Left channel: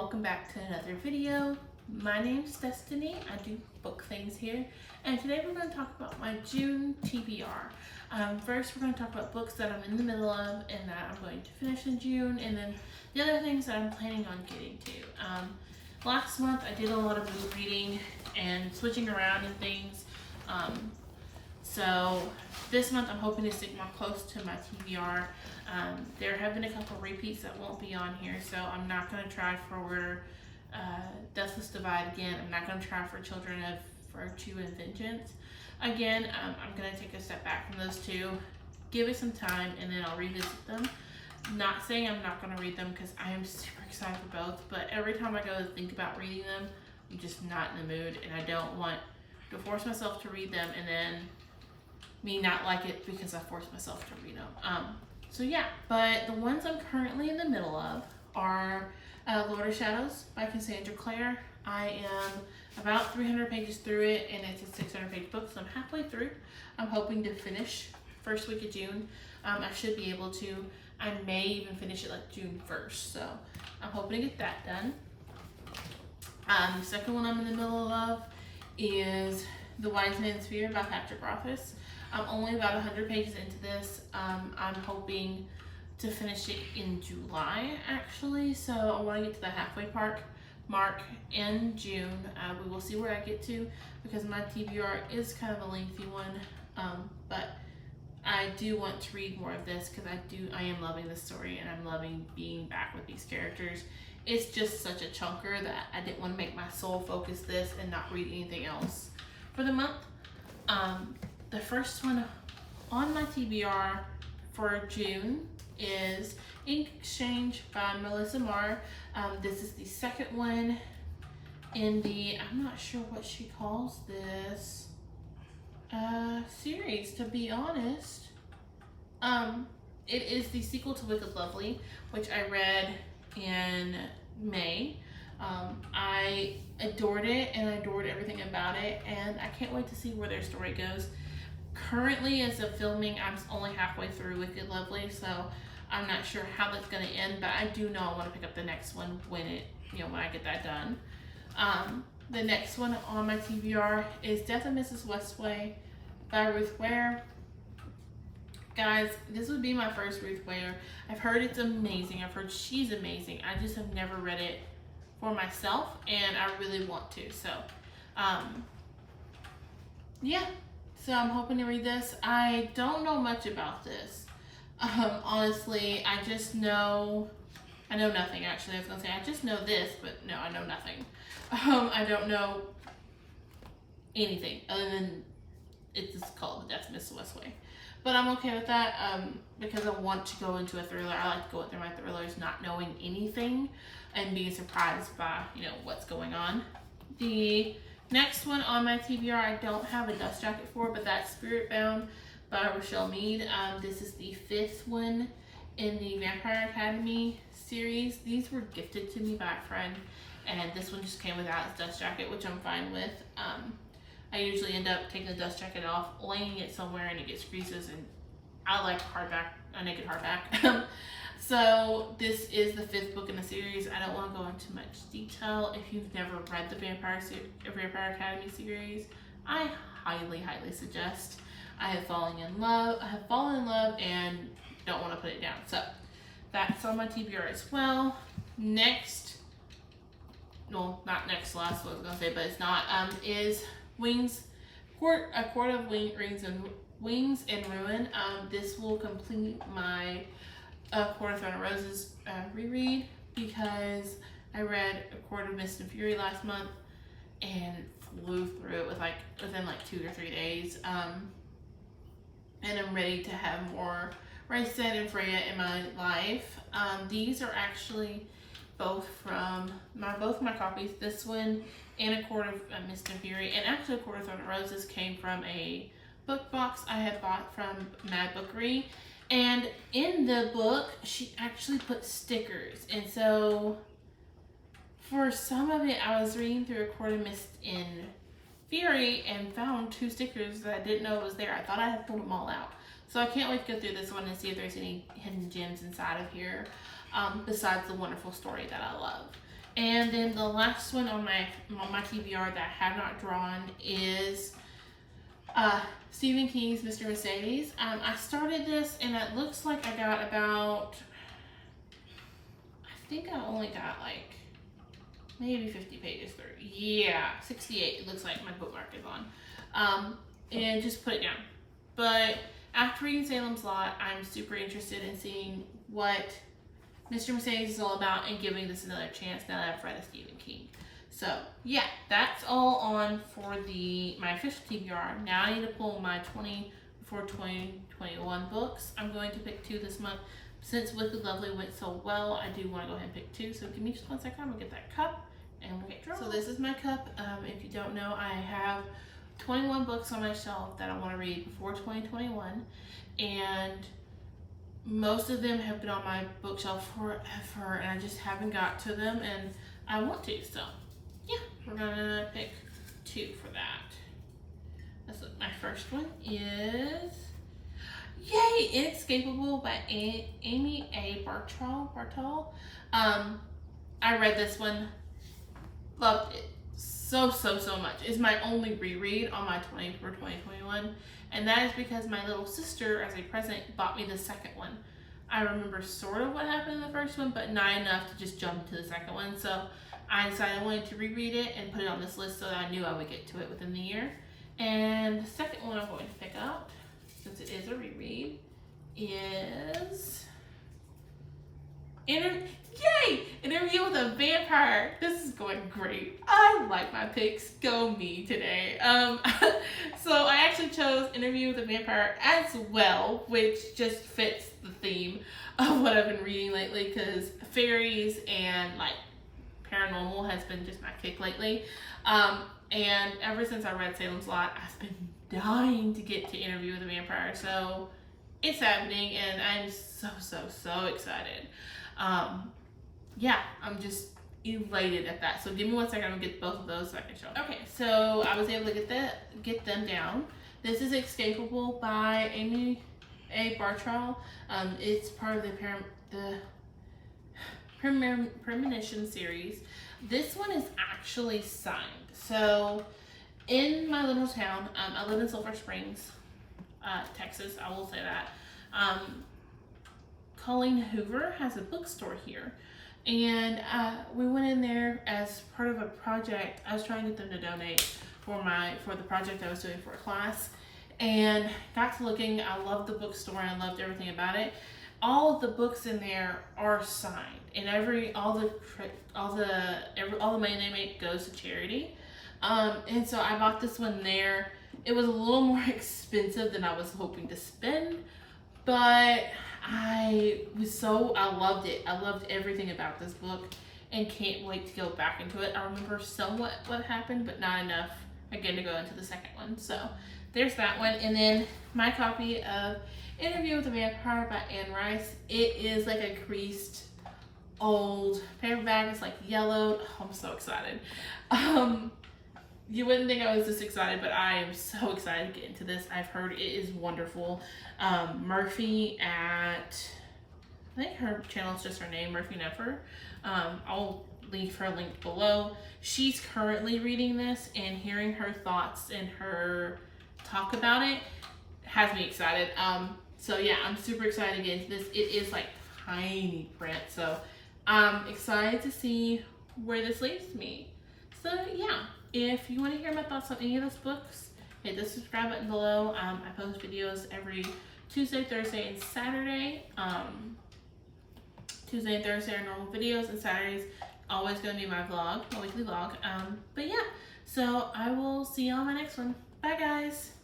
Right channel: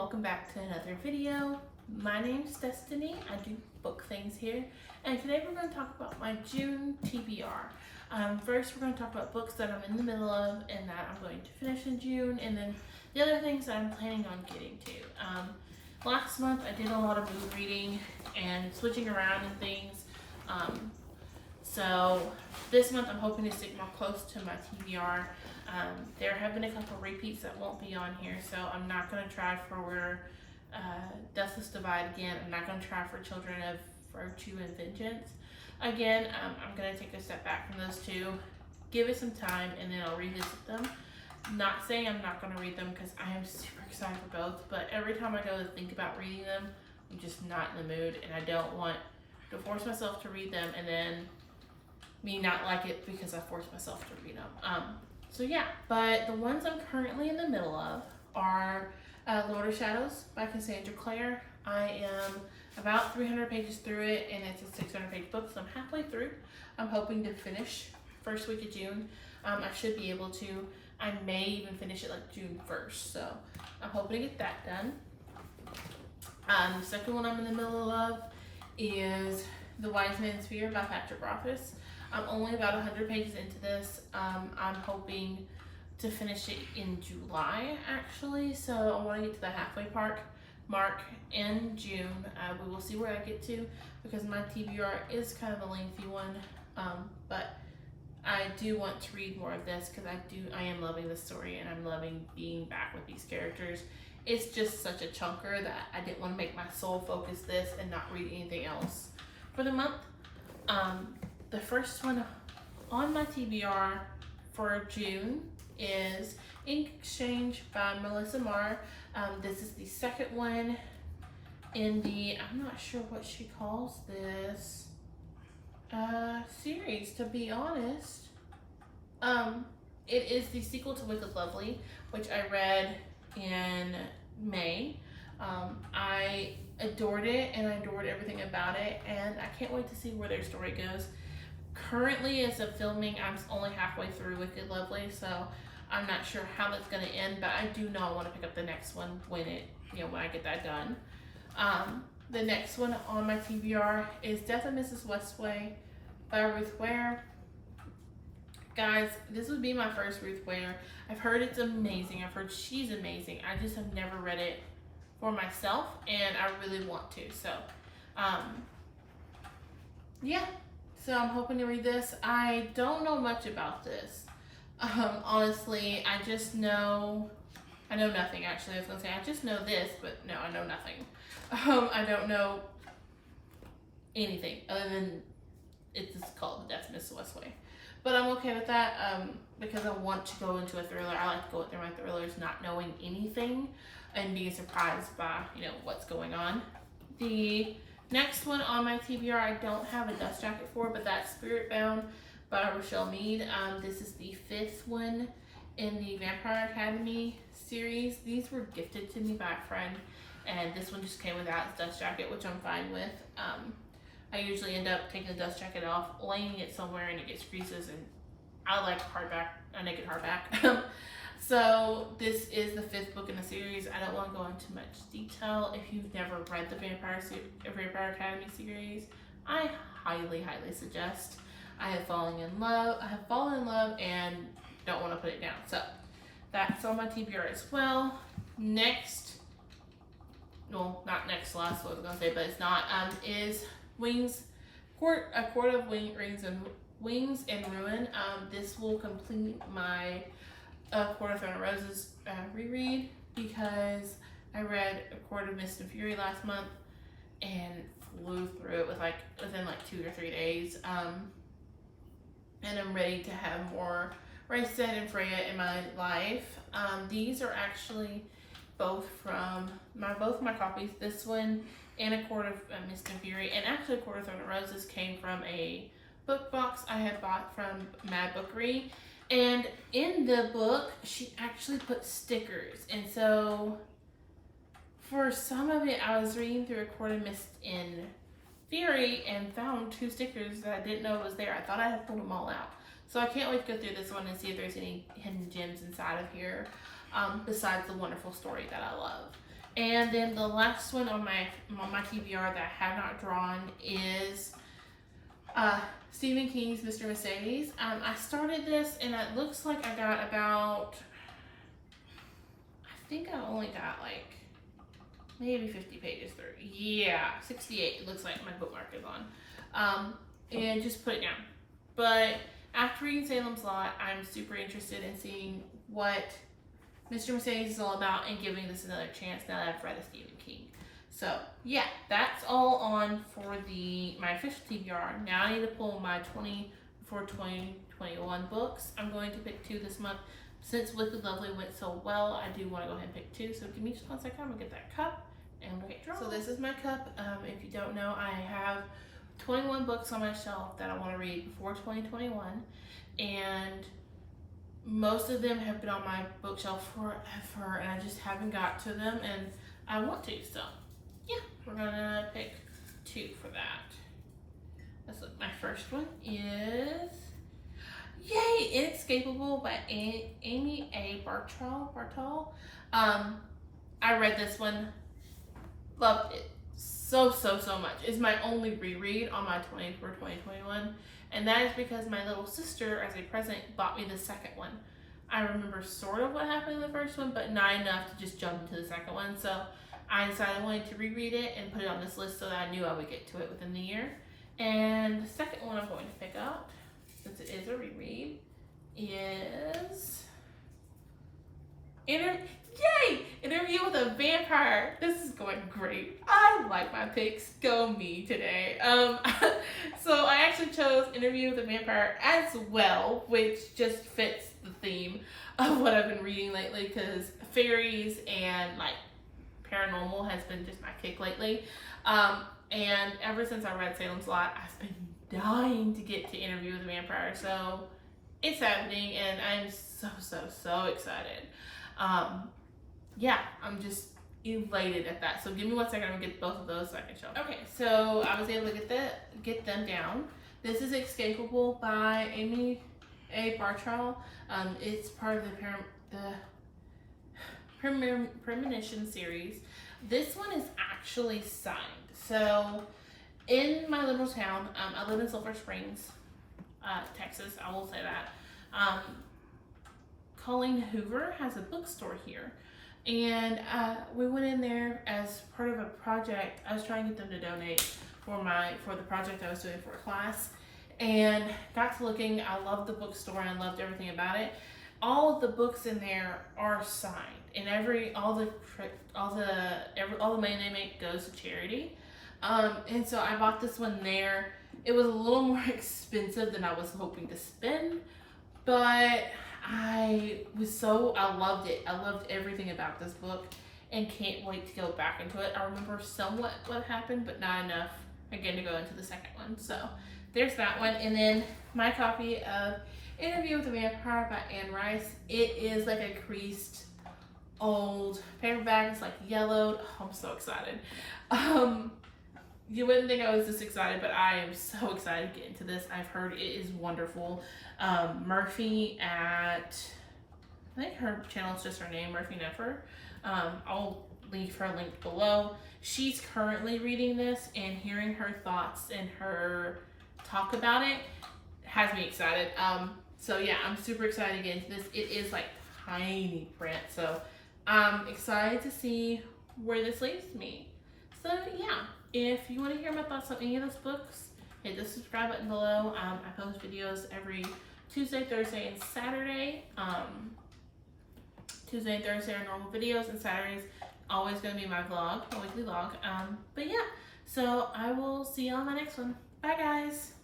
welcome back to another video. My name's Destiny. I do book things here, and today we're going to talk about my June TBR. First, we're going to talk about books that I'm in the middle of and that I'm going to finish in June, and then the other things that I'm planning on getting to. Last month I did a lot of mood reading and switching around and things. So this month I'm hoping to stick more close to my TBR. There have been a couple repeats that won't be on here, so I'm not going to try for Where Deathless Divide again. I'm not going to try for Children of Virtue and Vengeance again. I'm going to take a step back from those two, give it some time, and then I'll revisit them. Not saying I'm not going to read them because I am super excited for both, but every time I go to think about reading them, I'm just not in the mood, and I don't want to force myself to read them and then me not like it because I forced myself to read them. So yeah, but the ones I'm currently in the middle of are Lord of Shadows by Cassandra Clare. I am about 300 pages through it, and it's a 600-page book, so I'm halfway through. I'm hoping to finish first week of June. I should be able to. I may even finish it like June 1st, so I'm hoping to get that done. The second one I'm in the middle of is The Wise Man's Fear by Patrick Rothfuss. I'm only about 100 pages into this. I'm hoping to finish it in July, actually, so I want to get to the halfway mark in June. We will see where I get to because my TBR is kind of a lengthy one, but I do want to read more of this because I am loving this story and I'm loving being back with these characters. It's just such a chunker that I didn't want to make my sole focus this and not read anything else for the month. The first one on my TBR for June is Ink Exchange by Melissa Marr. This is the second one in the, I'm not sure what she calls this series, to be honest. It is the sequel to Wicked Lovely, which I read in May. I adored it and I adored everything about it, and I can't wait to see where their story goes. Currently, as of filming, I'm only halfway through Wicked Lovely, so I'm not sure how that's going to end, but I do know I want to pick up the next one when I get that done. The next one on my TBR is Death of Mrs. Westway by Ruth Ware. Guys, this would be my first Ruth Ware. I've heard it's amazing. I've heard she's amazing. I just have never read it for myself, and I really want to. So, yeah. So I'm hoping to read this. I don't know much about this. Honestly, I know nothing, actually. I was gonna say, I just know this, but no, I know nothing. I don't know anything other than it's called The Death of Mrs. Westway. But I'm okay with that because I want to go into a thriller. I like to go through my thrillers not knowing anything and being surprised by, what's going on. The next one on my TBR, I don't have a dust jacket for, but that's Spirit Bound by Rochelle Mead. This is the fifth one in the Vampire Academy series. These were gifted to me by a friend, and this one just came without its dust jacket, which I'm fine with. I usually end up taking the dust jacket off, laying it somewhere, and it gets creases, and I like a naked hardback. So this is the fifth book in the series. I don't want to go into much detail. If you've never read the Vampire Academy series, I highly suggest. I have fallen in love and don't want to put it down. So that's on my TBR as well. Next, well, not next last, what I was going to say, but it's not, is A Court of Wings and Ruin. This will complete my Court of Thorn and Roses reread because I read A Court of Mist and Fury last month and flew through it within 2 or 3 days. And I'm ready to have more Rhysand and Freya in my life. These are actually both my copies. This one and A Court of Mist and Fury, and actually A Court of Thorn and Roses came from a book box I had bought from Mad Bookery. And in the book, she actually put stickers. And so for some of it, I was reading through A Court of Mist and Fury and found 2 stickers that I didn't know was there. I thought I had pulled them all out. So I can't wait to go through this one and see if there's any hidden gems inside of here, besides the wonderful story that I love. And then the last one on my TBR that I have not drawn is Stephen King's Mr. Mercedes. I started this and it looks like I got about, I think I only got like maybe 50 pages through. Yeah, 68 it looks like my bookmark is on. And just put it down. But after reading Salem's Lot, I'm super interested in seeing what Mr. Mercedes is all about and giving this another chance now that I've read a Stephen King. So yeah, that's all on for my official TBR. Now I need to pull my 2021 books. I'm going to pick 2 this month. Since Wicked Lovely went so well, I do want to go ahead and pick 2. So give me just 1 second. I'm gonna get that cup and we'll get drawn. So this is my cup. If you don't know, I have 21 books on my shelf that I want to read before 2021, and most of them have been on my bookshelf forever, and I just haven't got to them, and I want to. So yeah, we're gonna pick 2 for that. Let's look. My first one is Yay! Inescapable by Amy A. Bartol. I read this one, loved it so much. It's my only reread on my 2021, and that is because my little sister, as a present, bought me the second one. I remember sort of what happened in the first one, but not enough to just jump into the second one. So I decided I wanted to reread it and put it on this list so that I knew I would get to it within the year. And the second one I'm going to pick out, since it is a reread, is Interview with a Vampire. This is going great. I like my picks. Go me today. So I actually chose Interview with a Vampire as well, which just fits the theme of what I've been reading lately, because fairies and like paranormal has been just my kick lately. And ever since I read Salem's Lot, I've been dying to get to Interview with a Vampire. So it's happening and I'm so excited. Yeah, I'm just elated at that. So give me 1 second, I'm gonna get both of those so I can show them. Okay, so I was able to get them down. This is Escapable by Amy A. Bartol. It's part of the Premonition series. This one is actually signed. So in my little town, I live in Sulphur Springs, Texas, I will say that. Colleen Hoover has a bookstore here, and we went in there as part of a project. I was trying to get them to donate for the project I was doing for a class, and got to looking. I loved the bookstore and I loved everything about it. All of the books in there are signed, and all the money they make goes to charity. And so I bought this one there. It was a little more expensive than I was hoping to spend, but I loved it. I loved everything about this book and can't wait to go back into it. I remember somewhat what happened, but not enough again to go into the second one. So there's that one. And then my copy of Interview with a Vampire by Anne Rice. It is like a creased old paperback. It's like yellowed. Oh, I'm so excited. You wouldn't think I was this excited, but I am so excited to get into this. I've heard it is wonderful. Murphy at, I think her channel is just her name, Murphy Neffer. I'll leave her link below. She's currently reading this, and hearing her thoughts and her talk about it has me excited. So yeah, I'm super excited to get into this. It is like tiny print, so I'm excited to see where this leads me. So yeah. If you want to hear my thoughts on any of those books, hit the subscribe button below. I post videos every Tuesday, Thursday, and Saturday. Tuesday and Thursday are normal videos, and Saturday's always going to be my vlog, my weekly vlog. But yeah, so I will see you on my next one. Bye, guys.